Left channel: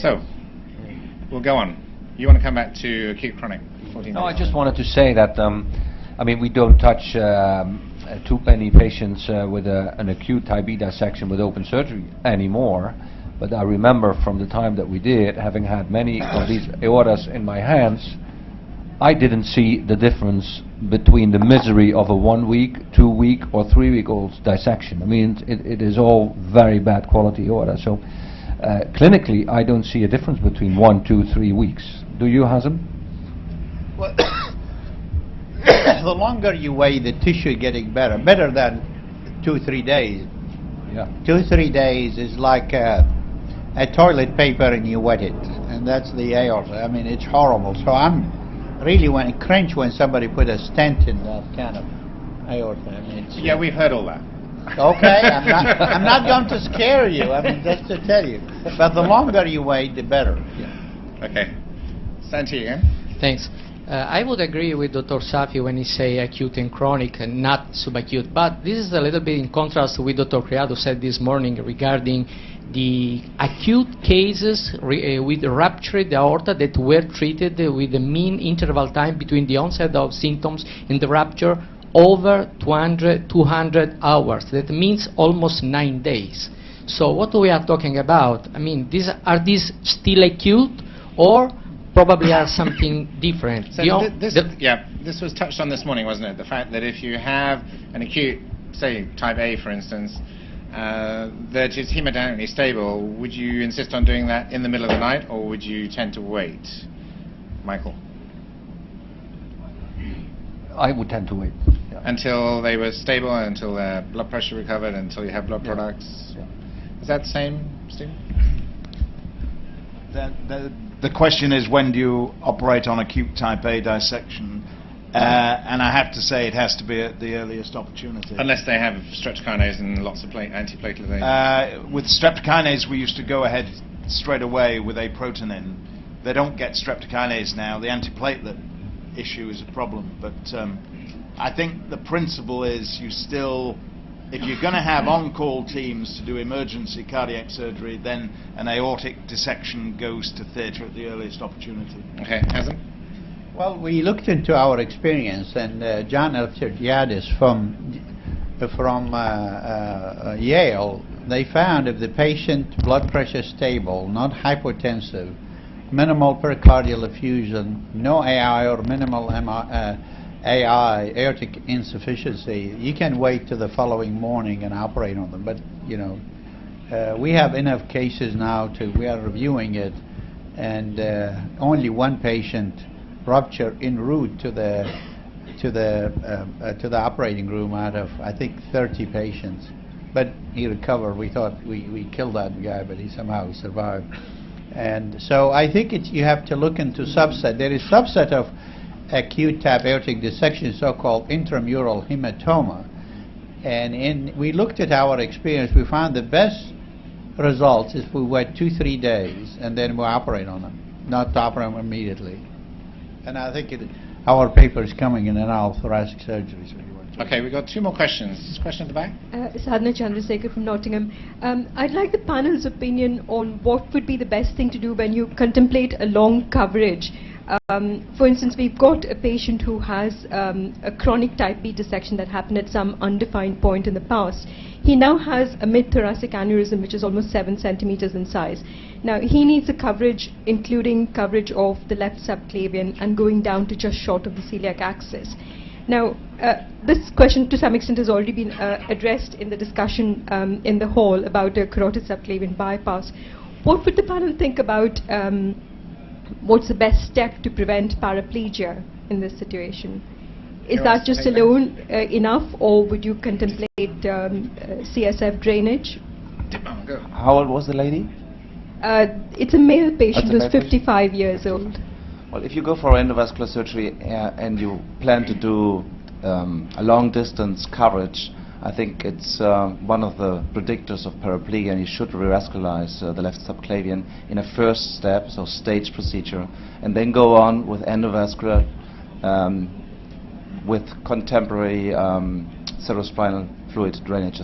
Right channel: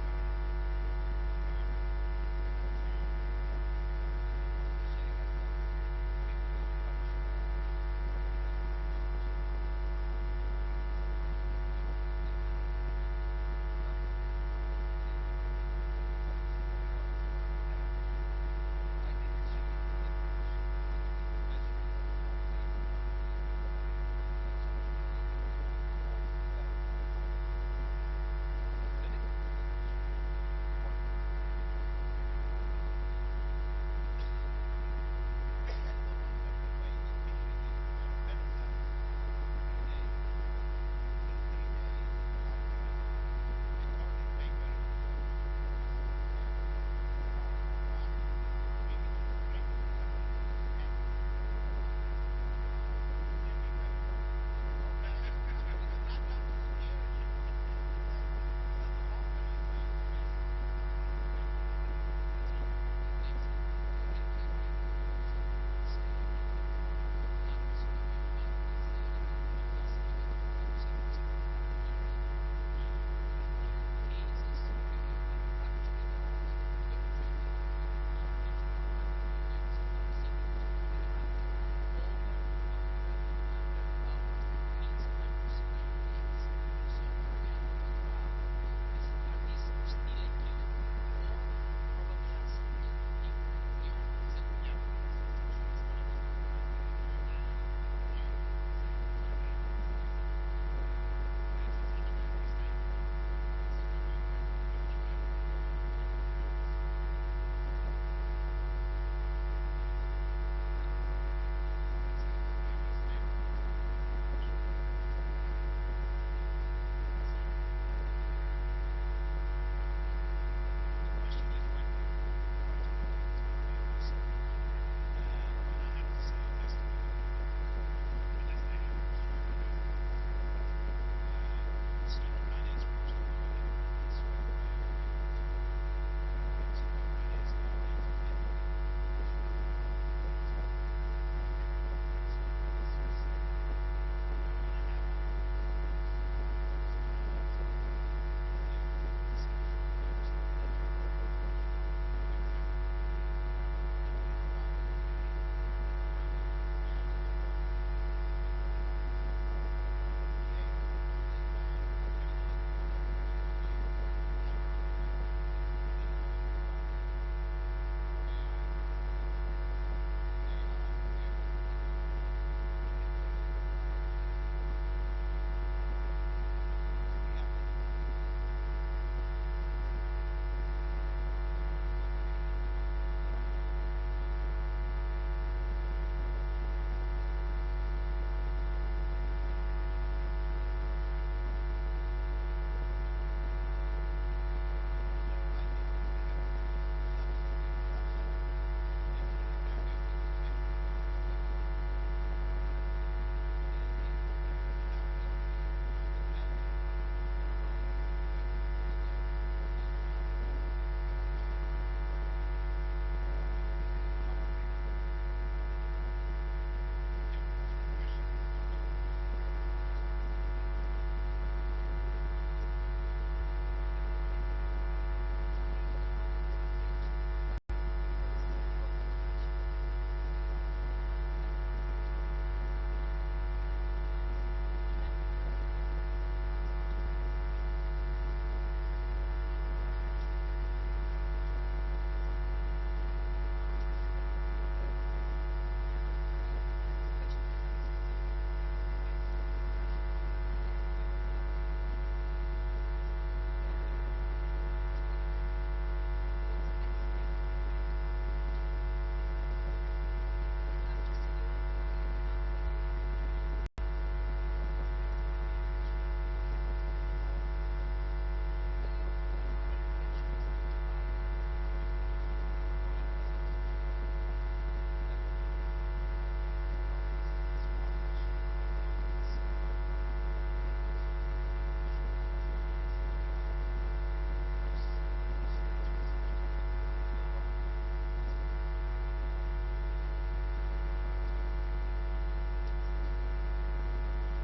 So, we'll go on. You want to come back to acute chronic? 14 No, I days. just wanted to say that, I mean, we don't touch too many patients with an acute type B dissection with open surgery anymore. But I remember from the time that we did, having had many of these aortas in my hands, I didn't see the difference between the misery of a 1 week, 2 week, or 3 week old dissection. I mean, it is all very bad quality aorta. So clinically, I don't see a difference between 1, 2, 3 weeks. Do you, Hazem? Well, the longer you wait, the tissue getting better than 2-3 days. Yeah. 2-3 days is like a toilet paper and you wet it, and that's the aorta. I mean, it's horrible. So I'm really cringe when somebody put a stent in that kind of aorta. I mean, it's, Yeah, we've heard all that. okay, I'm not going to scare you. I mean, just to tell you. But the longer you wait, the better. Yeah. Okay. Santi again. Thanks. I would agree with Dr. Safi when he say acute and chronic and not subacute, but this is a little bit in contrast with Dr. Criado said this morning regarding the acute cases with ruptured aorta that were treated with the mean interval time between the onset of symptoms and the rupture over 200 hours. That means almost 9 days. So what we are talking about, I mean, are these still acute or probably are something different? So this was touched on this morning, wasn't it? The fact that if you have an acute, say, type A, for instance, that is hemodynamically stable, would you insist on doing that in the middle of the night, or would you tend to wait? Michael? I would tend to wait. Yeah. Until they were stable, until their blood pressure recovered, until you have blood products? Yeah. Is that the same, Stephen? The question is, when do you operate on acute type A dissection? And I have to say it has to be at the earliest opportunity. Unless they have streptokinase and lots of antiplatelet agents. With streptokinase, we used to go ahead straight away with aprotenin. They don't get streptokinase now. The antiplatelet issue is a problem. But I think the principle is you still, if you're going to have on-call teams to do emergency cardiac surgery, then an aortic dissection goes to theatre at the earliest opportunity. Okay, Hazem? Well, we looked into our experience, and John Elftergiadis from Yale, they found if the patient blood pressure stable, not hypotensive, minimal pericardial effusion, no AI or minimal AI, aortic insufficiency, you can wait till the following morning and operate on them. But you know, we have enough cases now we are reviewing it, and only one patient rupture en route to the operating room out of, I think, 30 patients. But he recovered. We thought we killed that guy, but he somehow survived. And so I think you have to look into subset. There is subset of acute type aortic dissection, so-called intramural hematoma. And we looked at our experience. We found the best results is we wait 2-3 days and then we operate on them, not to operate them immediately. And I think our paper is coming in anal thoracic surgery. Okay, we've got 2 more questions. Question at the back? Sadhana Chandrasekhar from Nottingham. I'd like the panel's opinion on what would be the best thing to do when you contemplate a long coverage. For instance, we've got a patient who has a chronic type B dissection that happened at some undefined point in the past. He now has a mid-thoracic aneurysm which is almost 7 centimeters in size. Now he needs a coverage including coverage of the left subclavian and going down to just short of the celiac axis. Now this question to some extent has already been addressed in the discussion in the hall about a carotid subclavian bypass. What would the panel think about what's the best step to prevent paraplegia in this situation? Is that just alone enough, or would you contemplate CSF drainage? How old was the lady? It's a male patient who's 55 years old. Well, if you go for endovascular surgery and you plan to do a long distance coverage, I think it's one of the predictors of paraplegia, and you should revascularize the left subclavian in a first step, so stage procedure, and then go on with endovascular with contemporary cerebrospinal fluid drainage.